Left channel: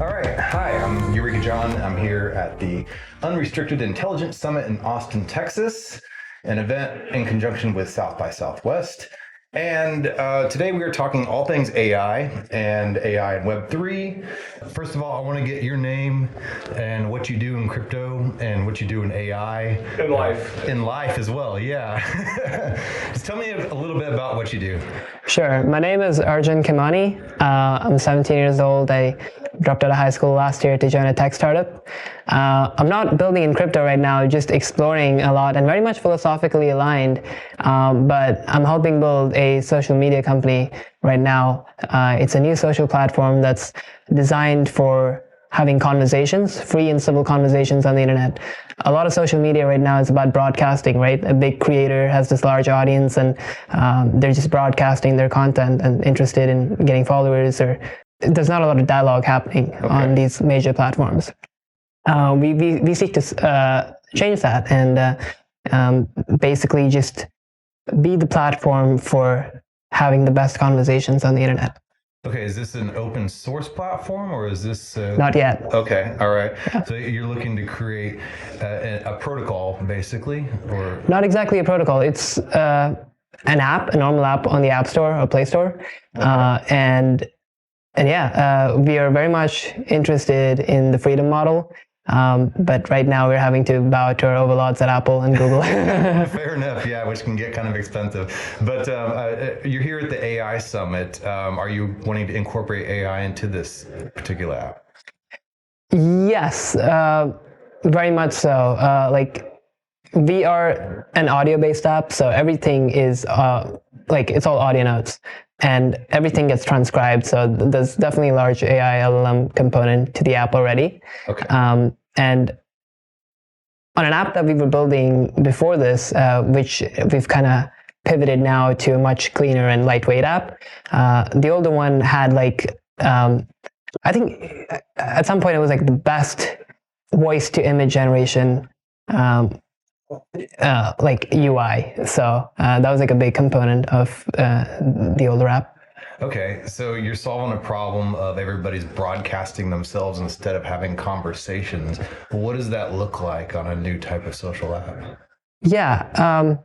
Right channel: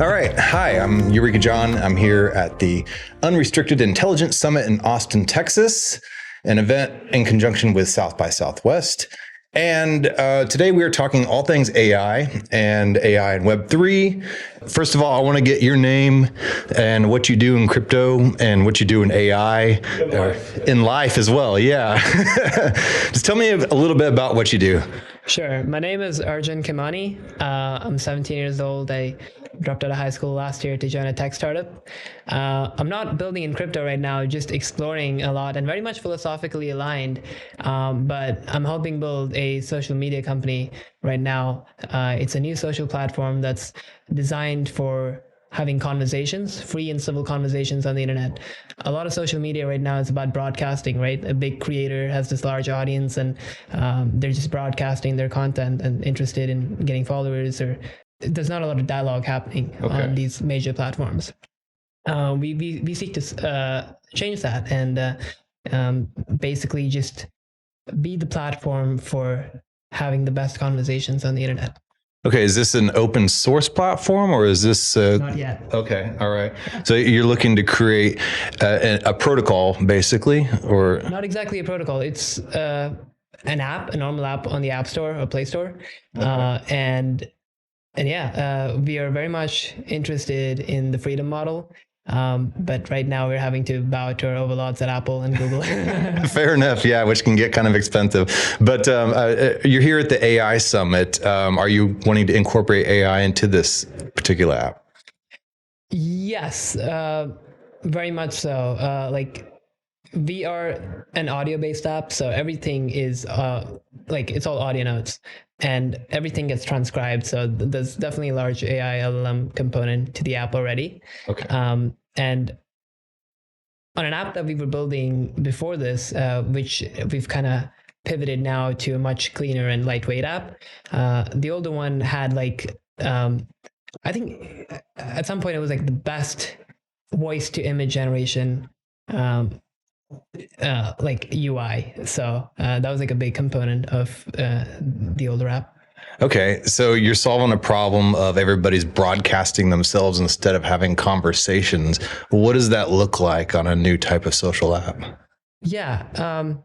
All right. Hi, I'm Eureka John. I'm here at the Unrestricted Intelligence Summit in Austin, Texas, an event in conjunction with South by Southwest. And today we are talking all things AI and web3. First of all, I want to get your name and what you do in crypto and what you do in AI. In life as well, yeah. Just tell me a little bit about what you do. Sure. My name is Arjun Khemani. I'm 17 years old. I dropped out of high school last year to join a tech startup. I'm not building in crypto right now, just exploring a lot and very much philosophically aligned. But I'm helping build a social media company right now. It's a new social platform that's designed for having conversations, free and civil conversations on the internet. A lot of social media right now is about broadcasting, right? A big creator has this large audience and they're just broadcasting their content and interested in getting followers, or there's not a lot of dialogue happening on these major platforms. We seek to change that and basically just be the platform for having the best conversations on the internet. Okay, is this an open source platform or is this... Not yet. Okay, all right. So you're looking to create a protocol, basically, or... Not exactly a protocol. It's an app, a normal app on the App Store or Play Store. And yeah, we are very much interested in the freedom model. But right now we're having to bow to our overlords at Apple and Google. Fair enough, yeah, which can get kind of expensive. But you're here at the AI Summit. Are you wanting to incorporate AI into this particular app? Yes, very much so. Like, we are an audio-based app, so everything is it's all audio notes. And everything gets transcribed, so there's definitely a large AI LLM component to the app already. Okay. And on an app that we were building before this, which we've kind of pivoted now to a much cleaner and lightweight app, the older one had I think at some point it was like the best voice to image generation UI. So that was like a big component of the older app. Okay, so you're solving a problem of everybody's broadcasting themselves instead of having conversations. What does that look like on a new type of social app? Yeah,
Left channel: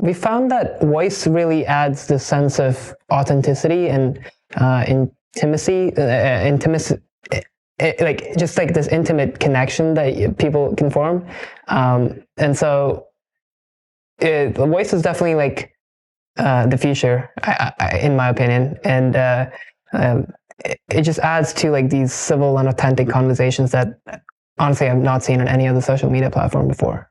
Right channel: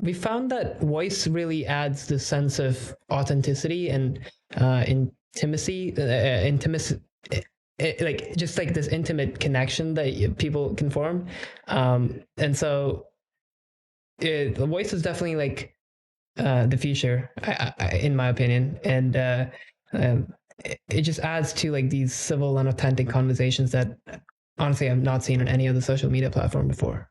we found that voice really adds the sense of authenticity and intimacy, just like this intimate connection that people can form. And so the voice is definitely like the future, in my opinion. And it just adds to like these civil and authentic conversations that honestly I've not seen on any other social media platform before.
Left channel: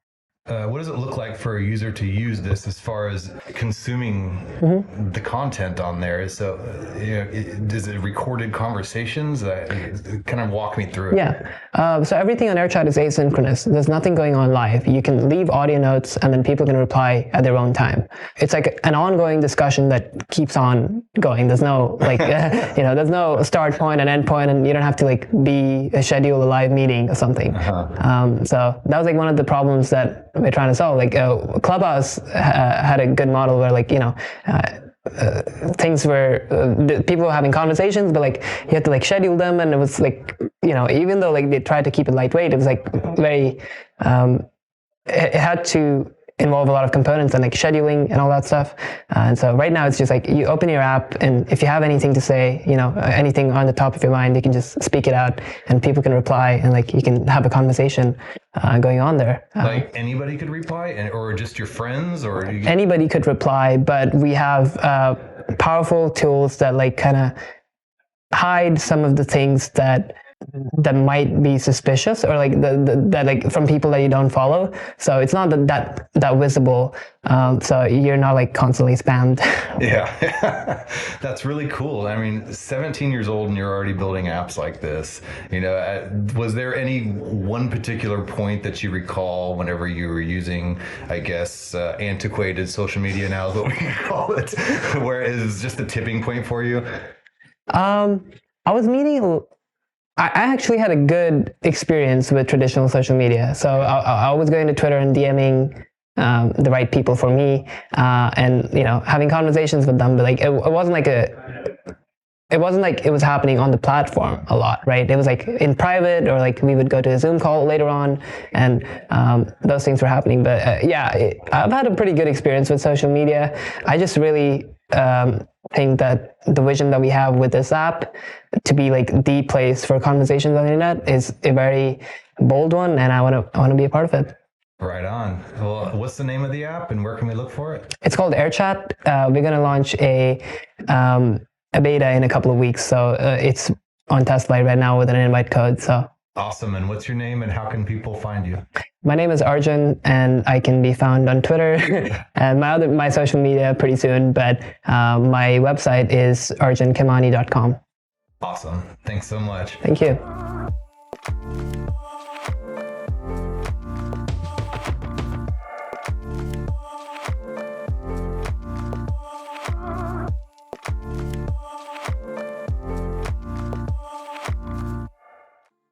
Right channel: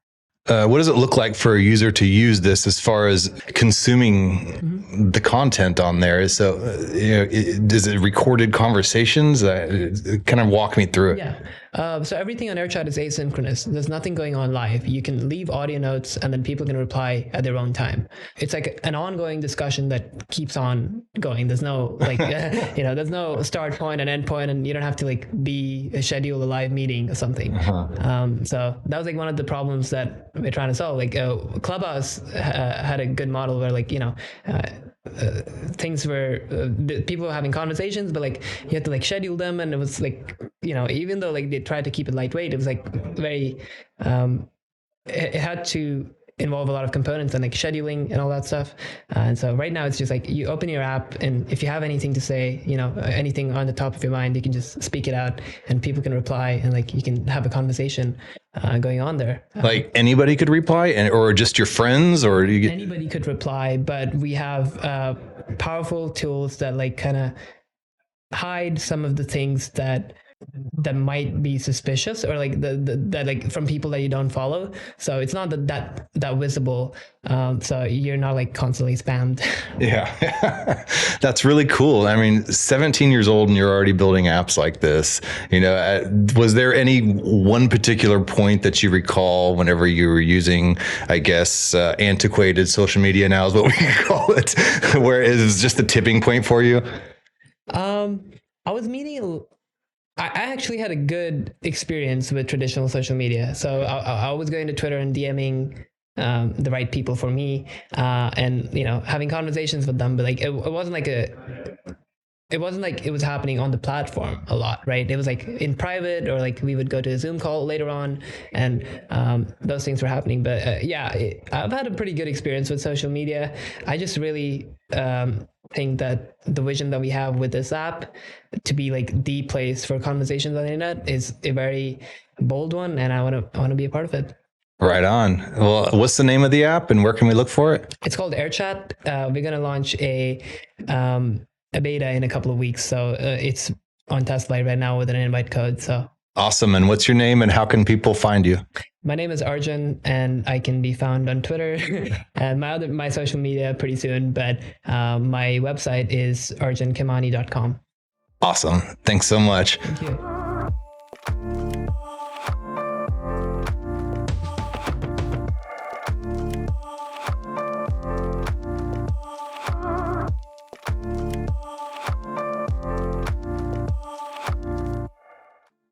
What does it look like for a user to use this as far as consuming the content on there? So, is it recorded conversations? Kind of walk me through it. Yeah. So everything on Airchat is asynchronous. There's nothing going on live. You can leave audio notes and then people can reply at their own time. It's like an ongoing discussion that keeps on going. There's no there's no start point and end point, and you don't have to schedule a live meeting or something. So that was like one of the problems that we're trying to solve. Clubhouse had a good model where things were people were having conversations, but you had to schedule them, and it was even though they tried to keep it lightweight, it was very it had to involve a lot of components and scheduling and all that stuff. And so right now it's just you open your app, and if you have anything to say, anything on the top of your mind, you can just speak it out and people can reply, and you can have a conversation going on there. Anybody could reply, or just your friends, or anybody could reply, but we have powerful tools that kind of hide some of the things that might be suspicious, or that from people that you don't follow. So it's not that visible. So you're not constantly spammed. Yeah, that's really cool. I mean, 17 years old and you're already building apps like this. Was there any one particular point that you recall whenever you were using, I guess, antiquated social media now is what we call it, where it was just the tipping point for you? I was meeting. I actually had a good experience with traditional social media. So I was going to Twitter and DMing the right people for me, and having conversations with them. But it wasn't it wasn't like it was happening on the platform a lot, right? It was like in private, or like we would go to a Zoom call later on, and those things were happening. But I've had a pretty good experience with social media. I just really think that the vision that we have with this app to be like the place for conversations on the internet is a very bold one, and I want to be a part of it. Right on. Well, what's the name of the app and where can we look for it? It's called Airchat. We're going to launch a beta in a couple of weeks. So it's on test flight right now with an invite code. So awesome. And what's your name and how can people find you? My name is Arjun, and I can be found on Twitter and my social media pretty soon. But my website is arjunkhemani.com. Awesome. Thanks so much. Thank you.